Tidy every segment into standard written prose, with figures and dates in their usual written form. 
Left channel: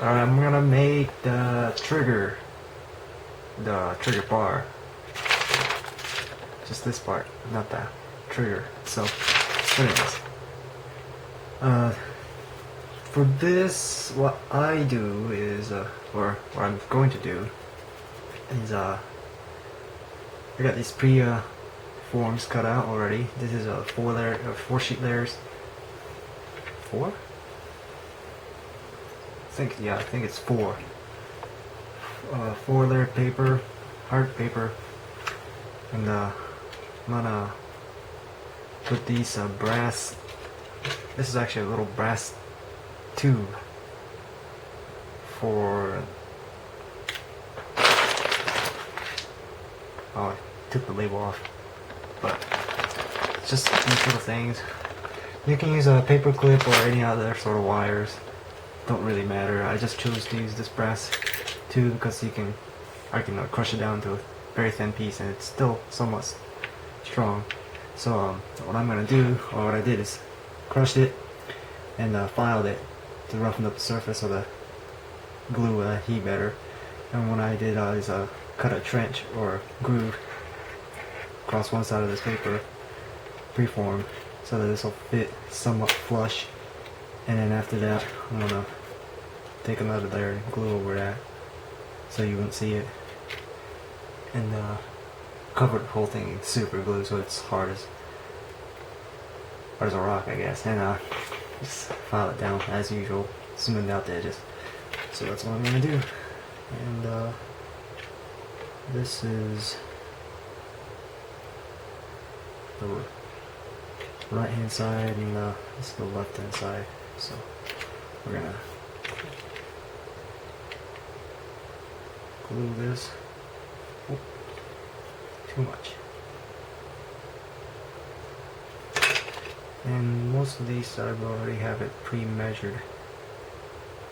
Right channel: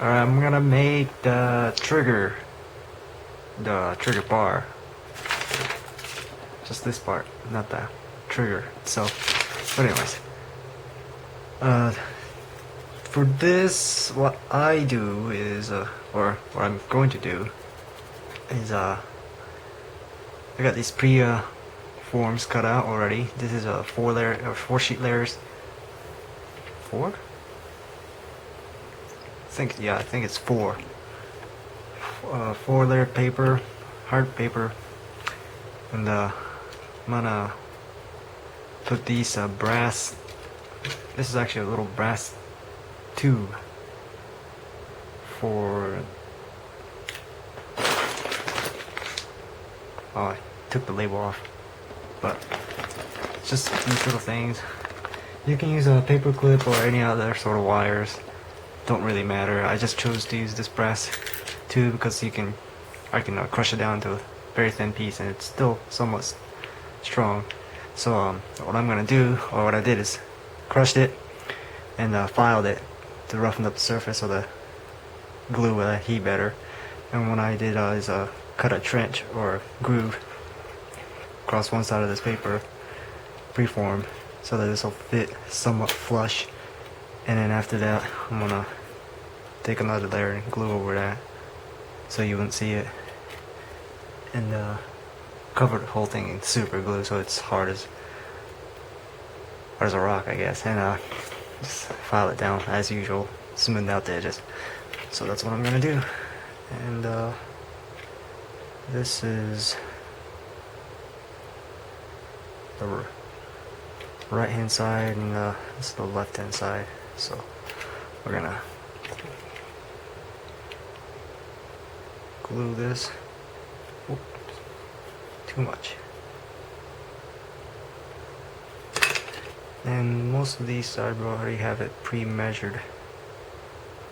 Alright, I'm gonna make the trigger bar. Just this part, not the trigger itself. But anyways, for this, what I do is, or what I'm going to do is, I got these forms cut out already. This is a 4 sheet layers. 4? I think it's 4. 4 layered paper, hard paper, and I'm gonna put these brass. This is actually a little brass tube for. Oh, I took the label off, but just these little things. You can use a paper clip or any other sort of wires. Don't really matter. I just chose to use this brass tube because I can crush it down to a very thin piece and it's still somewhat strong. So what I'm gonna do, or what I did, is crushed it and filed it to roughen up the surface so the glue will heat better. And what I did is cut a trench or groove across one side of this paper, preformed, so that this will fit somewhat flush. And then after that, I'm gonna take another layer and glue over that so you wouldn't see it, and cover the whole thing in super glue so it's hard as a rock, I guess, and just file it down as usual, smooth out the edges. So that's what I'm gonna do. And this is the right hand side, and this is the left hand side. So we're gonna glue this. Oops, too much. And most of these I already have it pre-measured,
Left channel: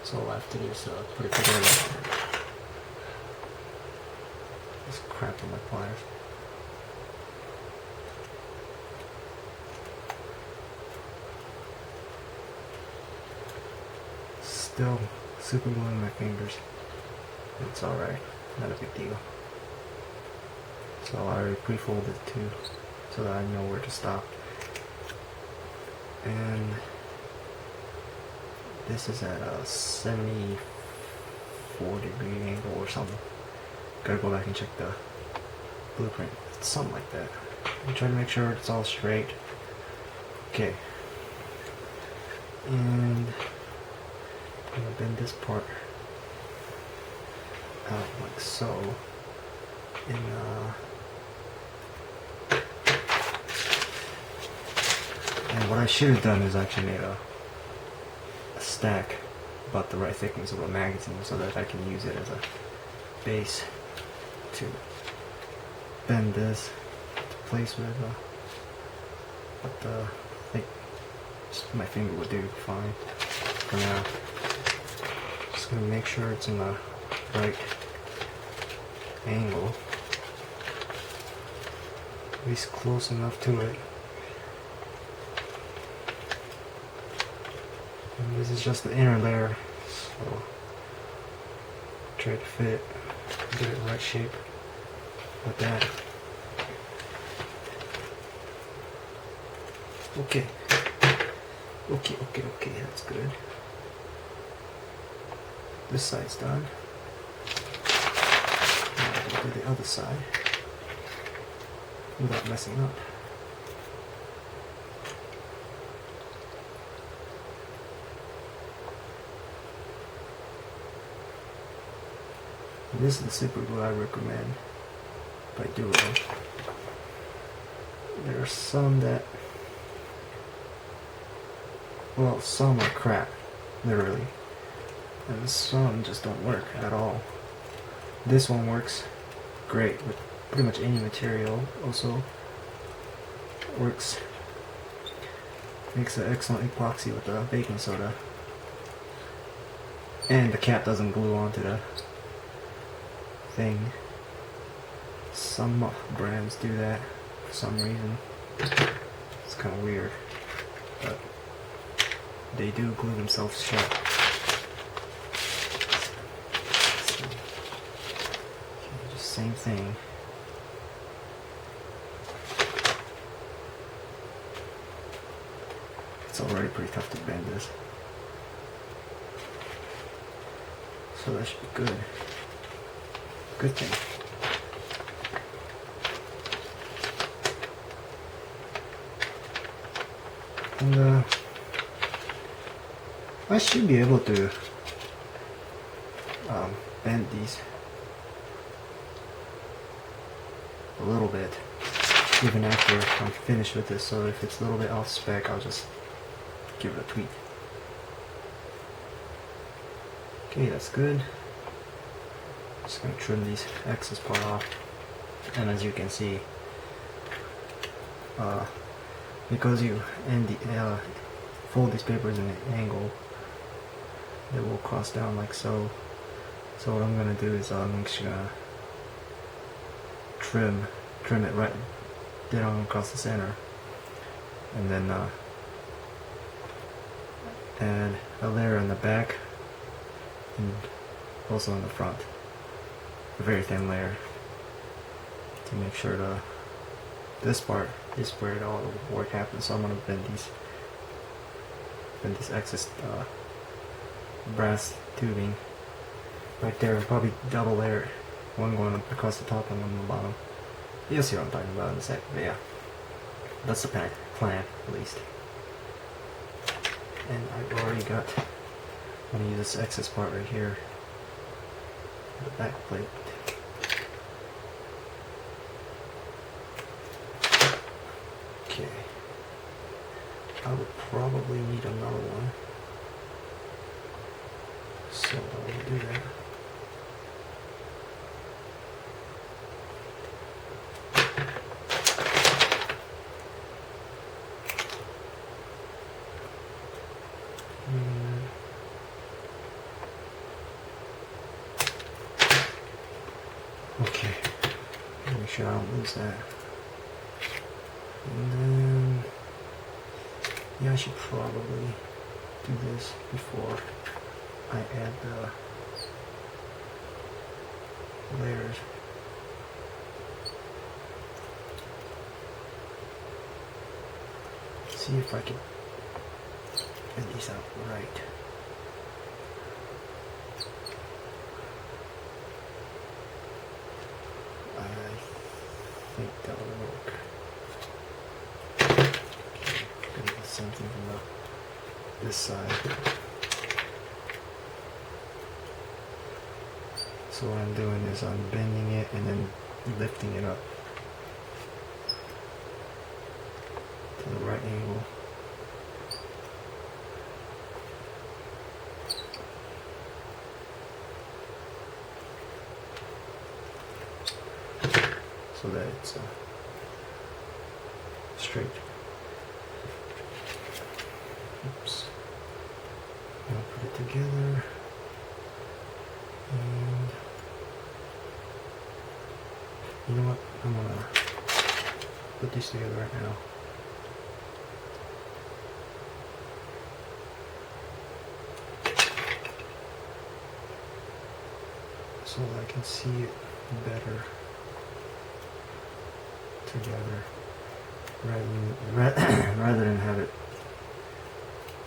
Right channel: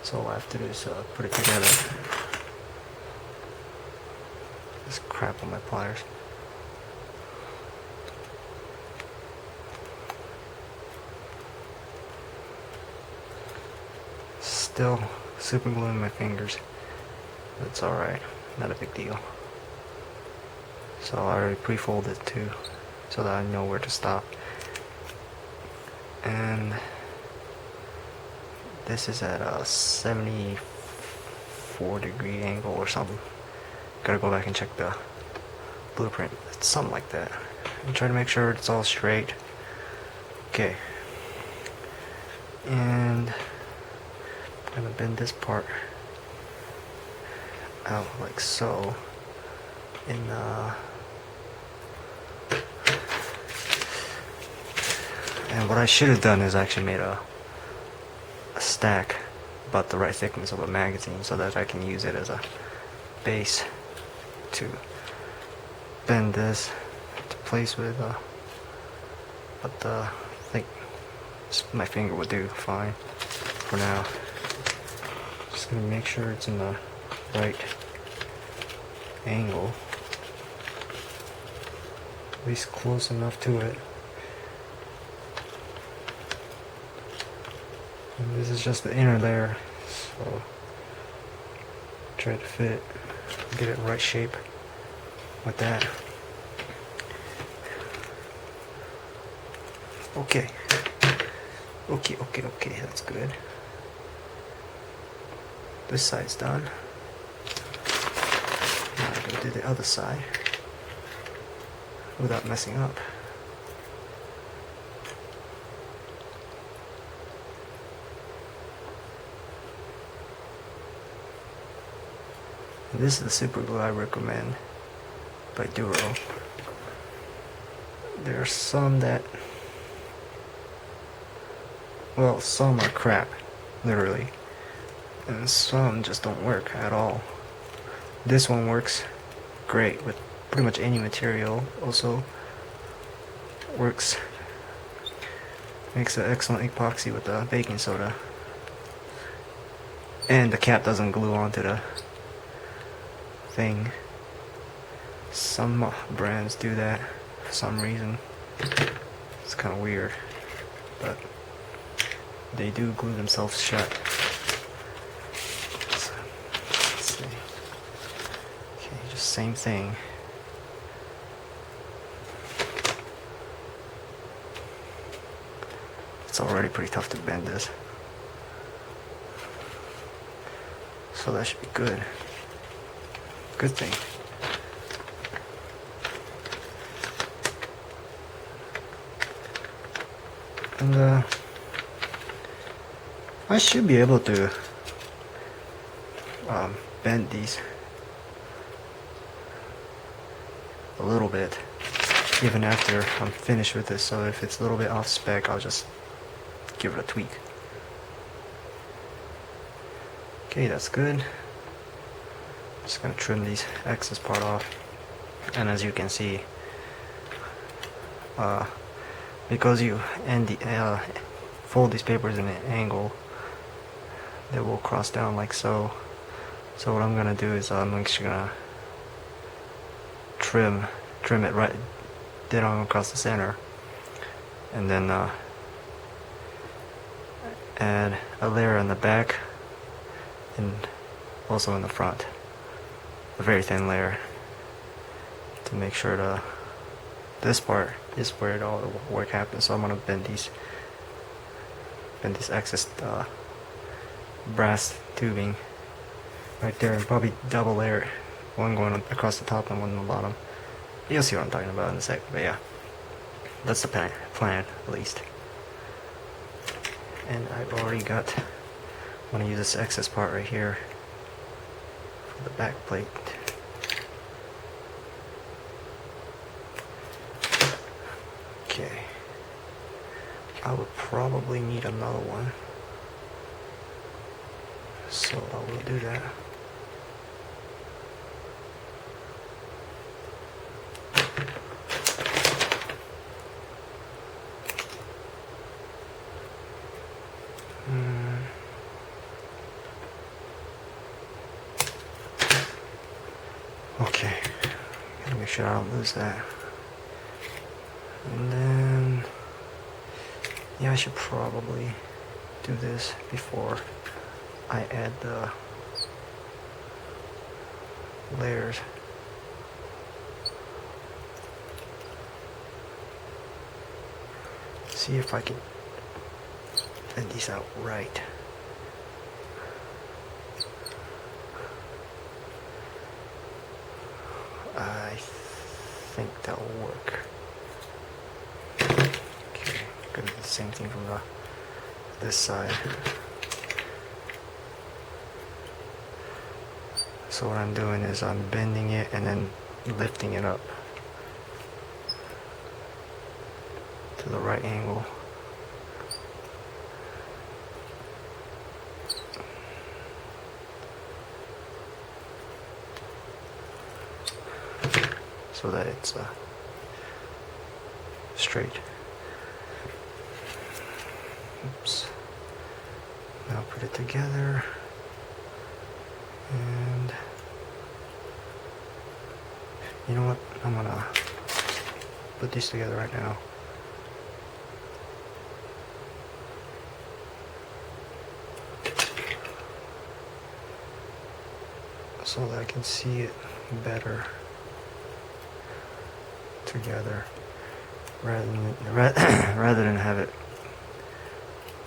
so all I have to do is put it together. This crap on my pliers. Still super gluing my fingers. That's alright, not a big deal. So I already pre-folded too, so that I know where to stop. And this is at a 74-degree angle or something. Gotta go back and check the blueprint. It's something like that. I'm trying to make sure it's all straight. Okay. And I'm gonna bend this part out like so. And what I should have done is actually made a stack about the right thickness of a magazine so that I can use it as a base to bend this to place with, but I think just my finger would do fine for now. Just gonna make sure it's in the right angle, at least close enough to it. And this is just the inner layer, so try to fit, get it right shape with that. Okay, that's good. This side's done. Now I can do the other side without messing up. This is the super glue I recommend by Duro. There are some that, well, some are crap, literally, and some just don't work at all. This one works great with pretty much any material. Also works, makes an excellent epoxy with the baking soda, and the cap doesn't glue onto the thing. Some brands do that for some reason. It's kind of weird, but they do glue themselves shut. same thing. It's already pretty tough to bend this. So that should be good. Good thing. And I should be able to bend these a little bit even after I'm finished with this, so if it's a little bit off spec, I'll just give it a tweak. Okay, that's good. Just gonna trim these excess part off, and as you can see, because you fold these papers in an angle, they will cross down like so. So what I'm gonna do is I'm just gonna trim it right dead on across the center, and then add a layer in the back and also in the front, a very thin layer, to make sure this part is where all the work happens. So I'm gonna bend these excess brass tubing right there, and probably double layer it, one going across the top and one on the bottom. You'll see what I'm talking about in a second, but yeah, that's the plan at least. And I've already got, I'm gonna use this excess part right here for the back plate. Okay, I would probably need another one, so I will do that. Okay, gotta make sure I don't lose that. And then, yeah, I should probably do this before I add the layers. See if I can bend these out right. I think that will work. Okay, gonna do the same thing from this side. So what I'm doing is I'm bending it and then lifting it up to the right angle. So that it's straight. Oops. Now put it together, and you know what? I'm gonna put these together right now. So that I can see it better together, rather than have it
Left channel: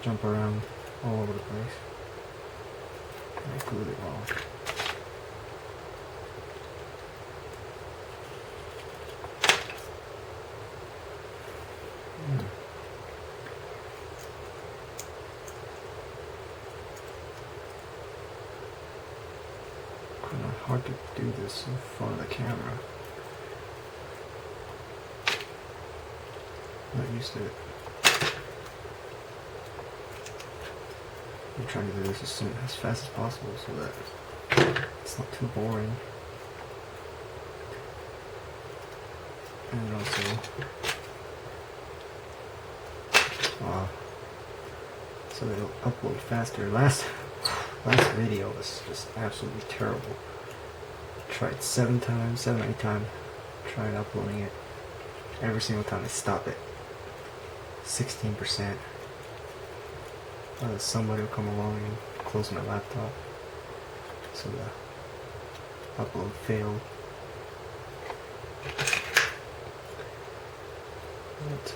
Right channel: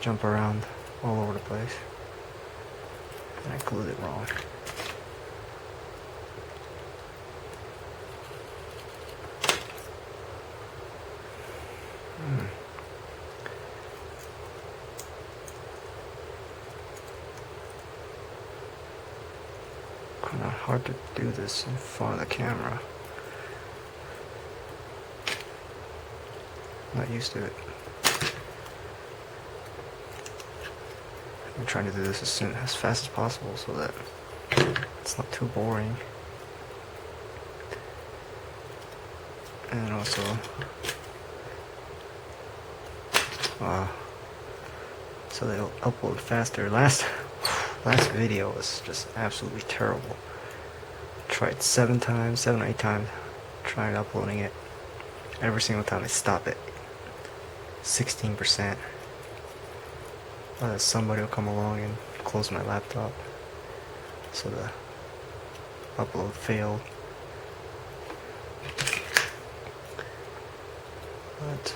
jump around all over the place. And I glued it wrong. Kinda hard to do this in front of the camera. Not used to it. I'm trying to do this as fast as possible so that it's not too boring. And also so they'll upload faster. Last video was just absolutely terrible. Tried 7 or 8 times trying uploading it. Every single time I stop it 16%. Somebody will come along and close my laptop, so the upload failed. but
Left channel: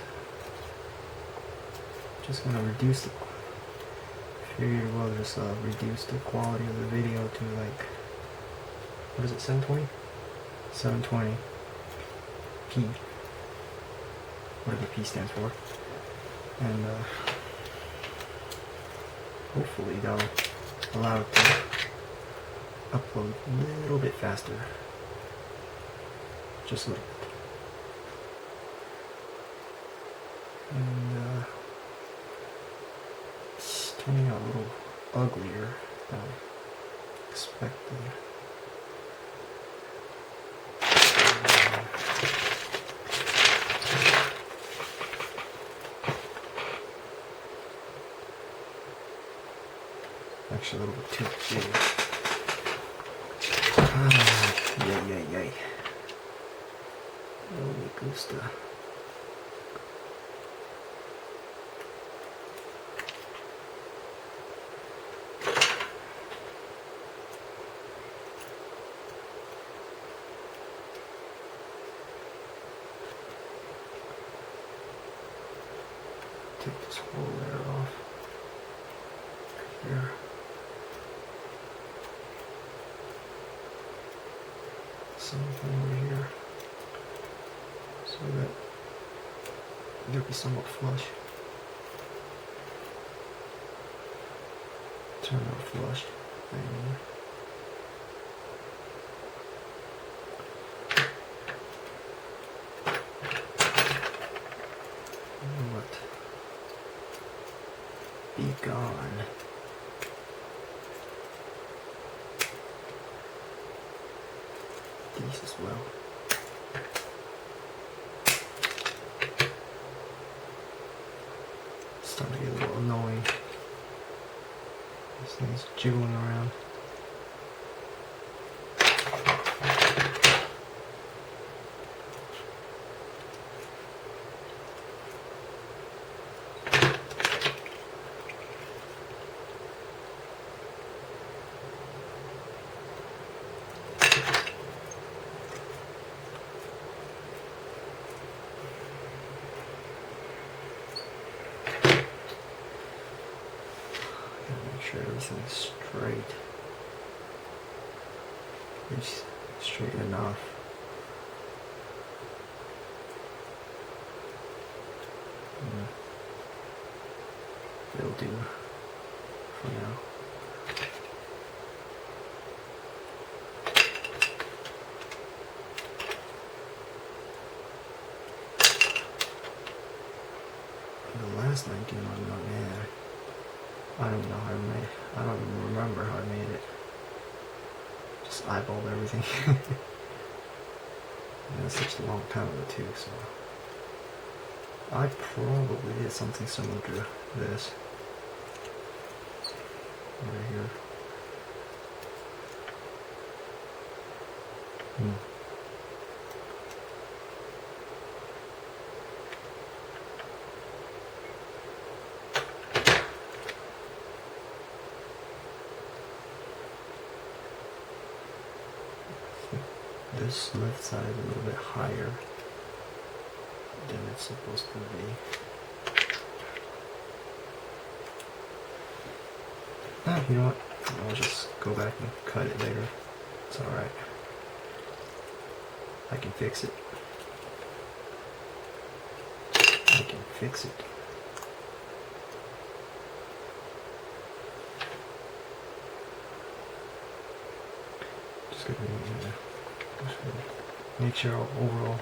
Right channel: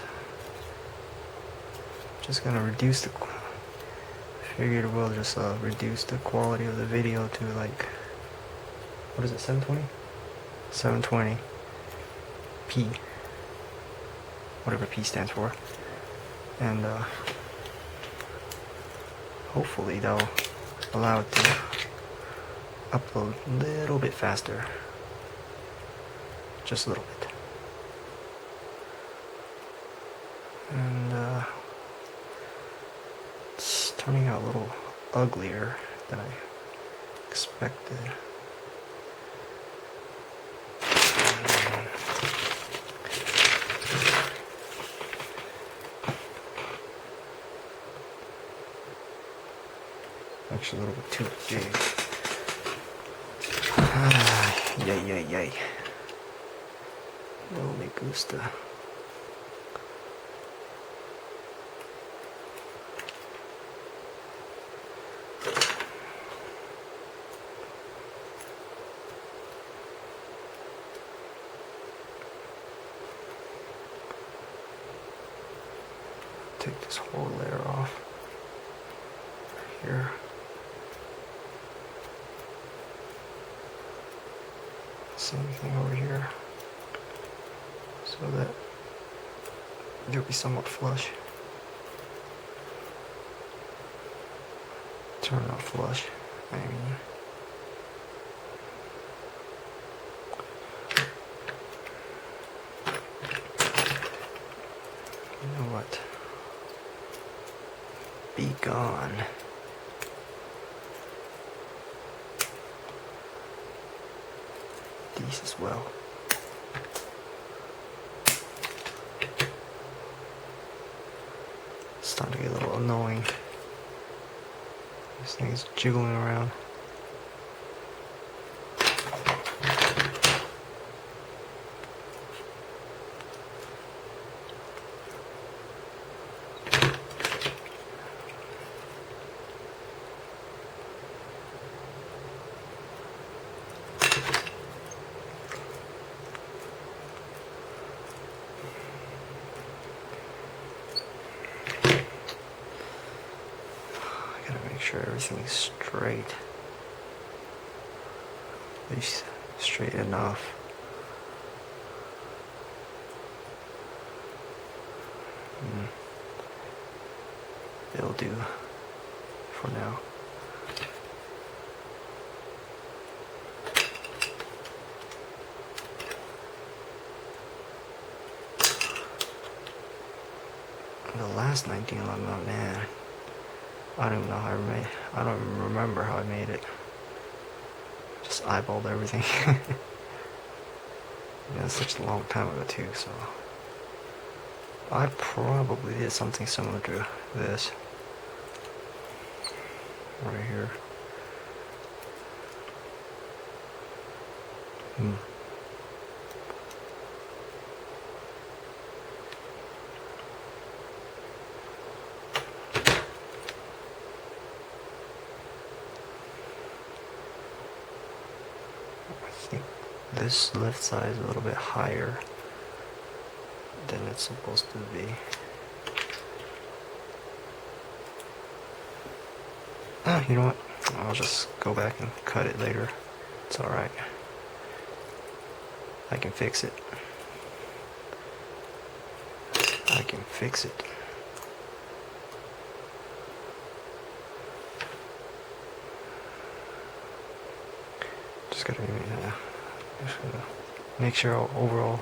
just gonna reduce the, figured we'll just reduce the quality of the video to like, what is it, 720? 720p, whatever P stands for, and hopefully that'll allow it to upload a little bit faster, just a little bit. And it's turning out a little uglier than I expected. Actually, a little bit too big. Yay. No me gusta. Take this whole layer off right here. Same thing over here, so that it'll be somewhat flush. Turn out flush, I mean. You know what? Be gone. These as well. It's starting to get a little annoying. This thing's jiggling around. Make sure everything's straight, at least straight enough. It'll do for now. The last 1911, man. I don't even know how I made it. I don't even remember how I made it. Just eyeballed everything. And that's such a long time ago too, so I probably did something similar to this. Right here. I think this left side is a little bit higher than it's supposed to be. Oh, you know what? I'll just go back and cut it later. It's alright. I can fix it. I can fix it. Just gotta make sure overall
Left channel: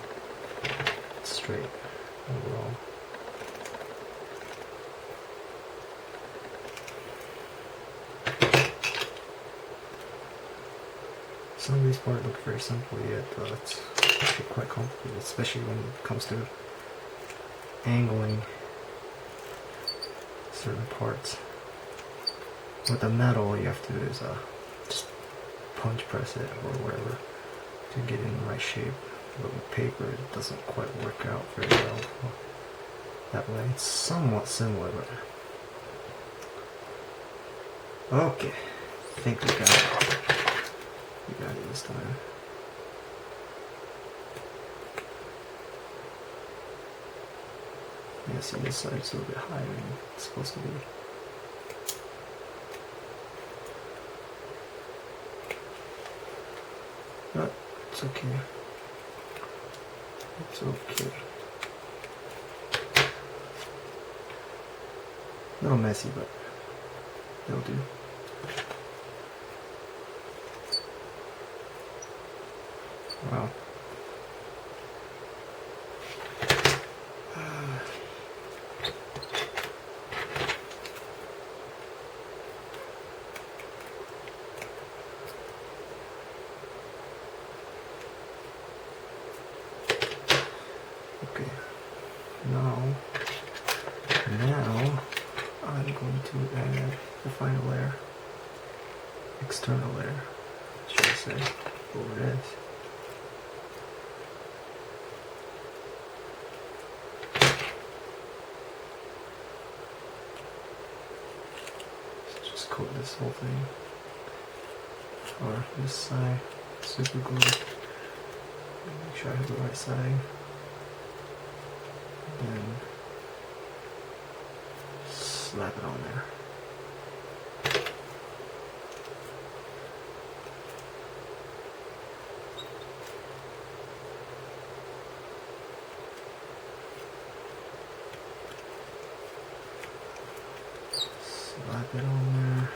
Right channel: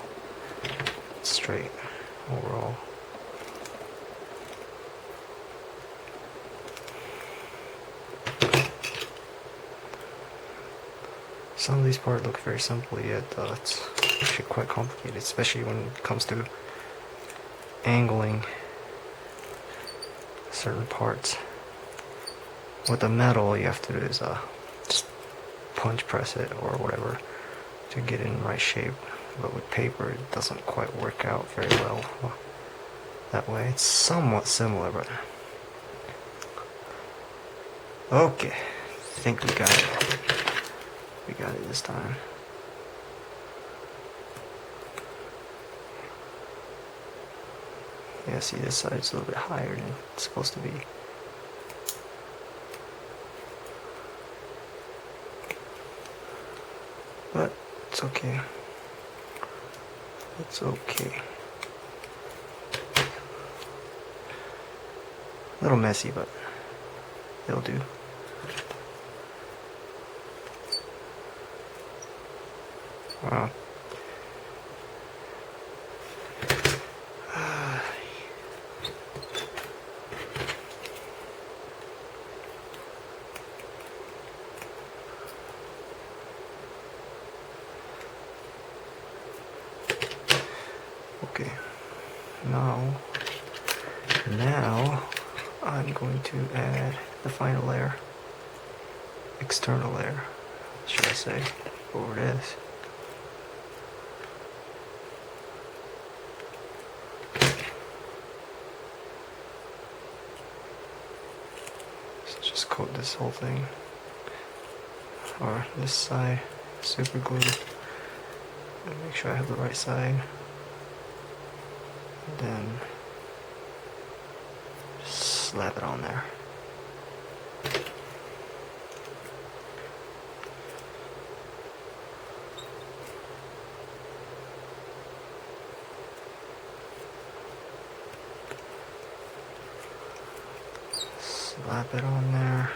it's straight. Overall. Some of these parts look very simple, yet it's actually quite complicated, especially when it comes to angling certain parts. With the metal, you have to do is just punch press it or whatever to get it in the right shape. But with paper, it doesn't quite work out very well that way. It's somewhat similar, but okay. I think we got it. We got it this time. Yeah, see, this side's a little bit higher than it's supposed to be. But it's okay. It's okay. A little messy, but it'll do. Wow. Okay. Now I'm going to add the final layer, external layer, should I say, over this. So just coat this whole thing, or this side, super glue, and make sure I have the right side. And then just slap it on there. Slap it on there.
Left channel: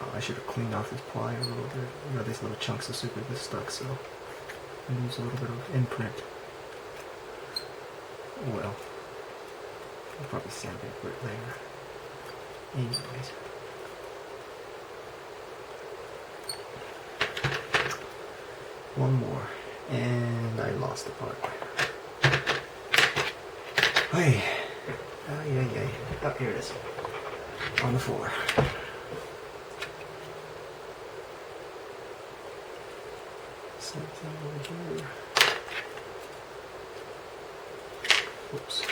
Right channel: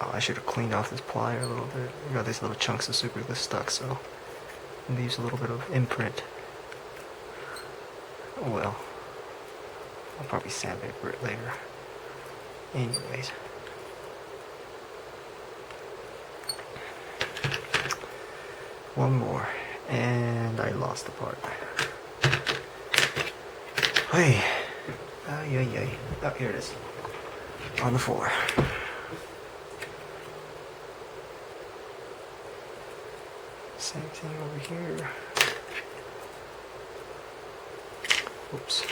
Oh, I should have cleaned off this plier a little bit. I got these little chunks of super glue stuck, so it leaves a little bit of imprint. Oh well. I'll probably sandpaper it later. Anyways. One more. And I lost the part. Hey. Ay. Oh, here it is. On the floor. Same thing over here. Oops.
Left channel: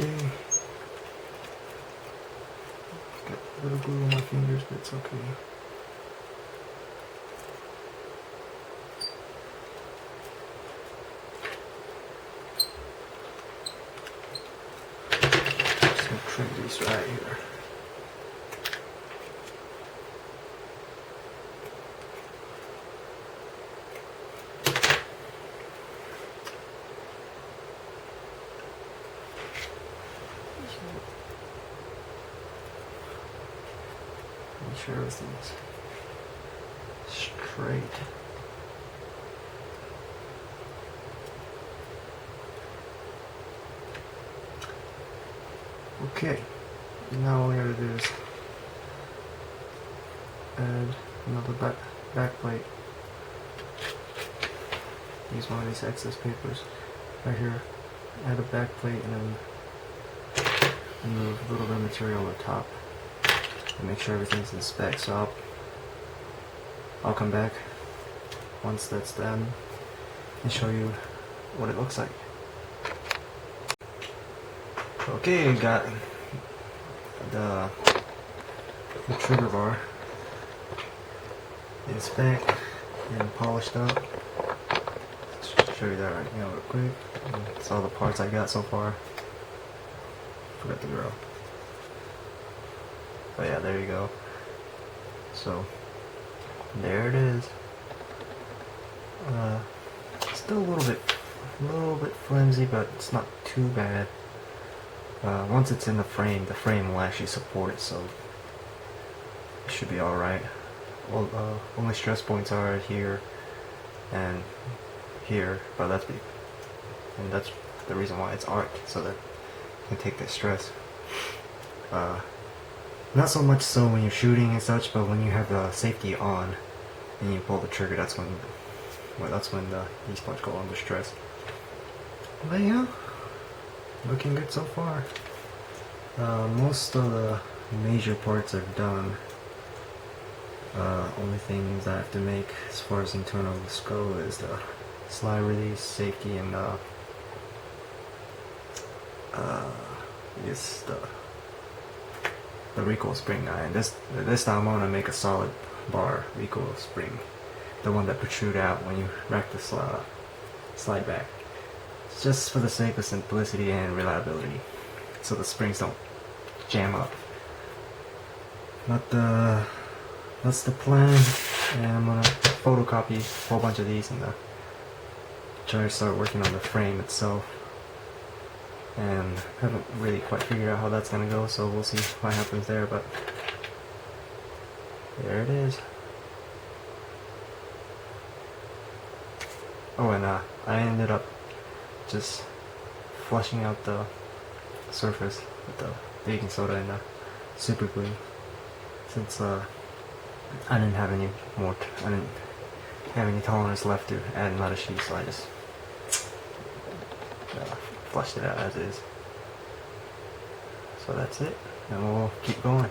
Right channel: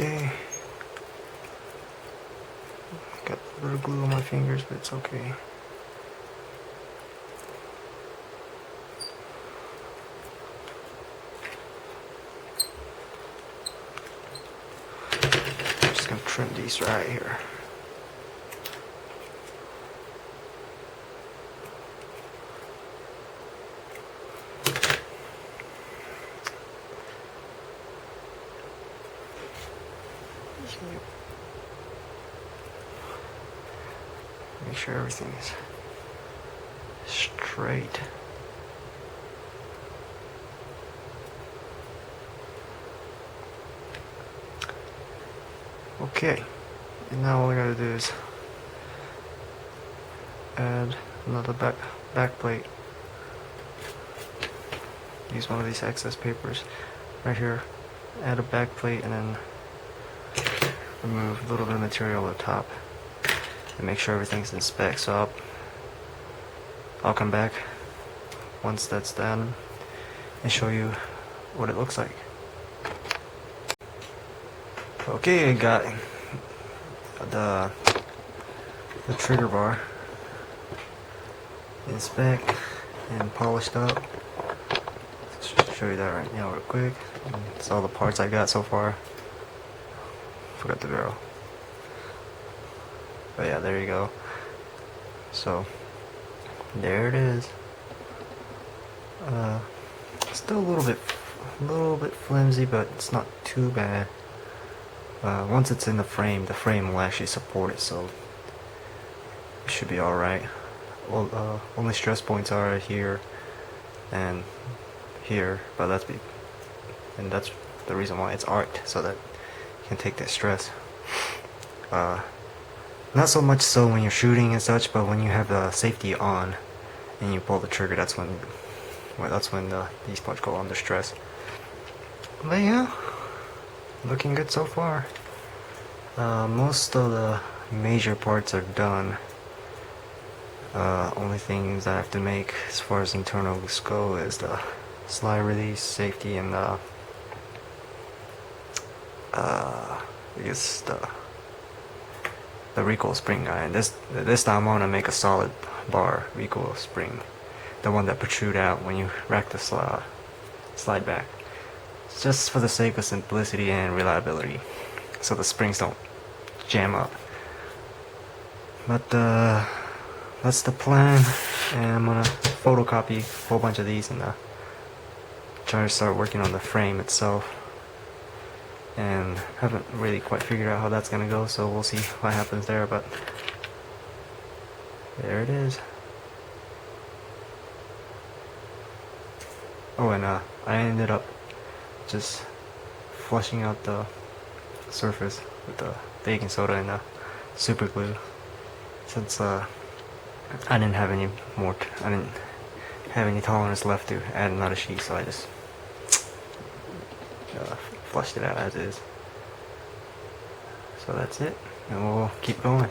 Okay. Got a little glue on my fingers, but it's okay. I'm just gonna trim these right here. Make sure everything is straight. Okay, and now all I gotta do is add another back plate. Use one of these excess papers right here. Add a back plate and then remove a little bit of material at the top and make sure everything's in spec. So I'll come back once that's done and show you what it looks like. Okay, I got the trigger bar in spec and polished up. Show you that right now real quick. It's all the parts I got so far. Forgot the barrel. But yeah, there you go. So there it is. Still a little bit flimsy, but it's not too bad. Once it's in the frame will actually support it, so it should be all right. Only stress points are here and here, but that's the reason why it's arced, so that you can take that stress. Not so much so when you're shooting and such, but when you have the safety on and you pull the trigger, that's when Well, that's when these parts go under stress. But yeah, looking good so far. Most of the major parts are done. Only things I have to make as far as internals go is the slide release, safety, and I guess the recoil spring guy. And this time I want to make a solid bar recoil spring, the one that protrude out when you rack the slide back. It's just for the sake of simplicity and reliability, so the springs don't jam up. But that's the plan, and I'm gonna photocopy a whole bunch of these and try to start working on the frame itself. And haven't really quite figured out how that's gonna go, so we'll see what happens there. But there it is. Oh, and I ended up just flushing out the surface with the baking soda and the super glue, since I didn't have any tolerance left to add another sheet, so I just flushed it out as is. So that's it, and we'll keep going.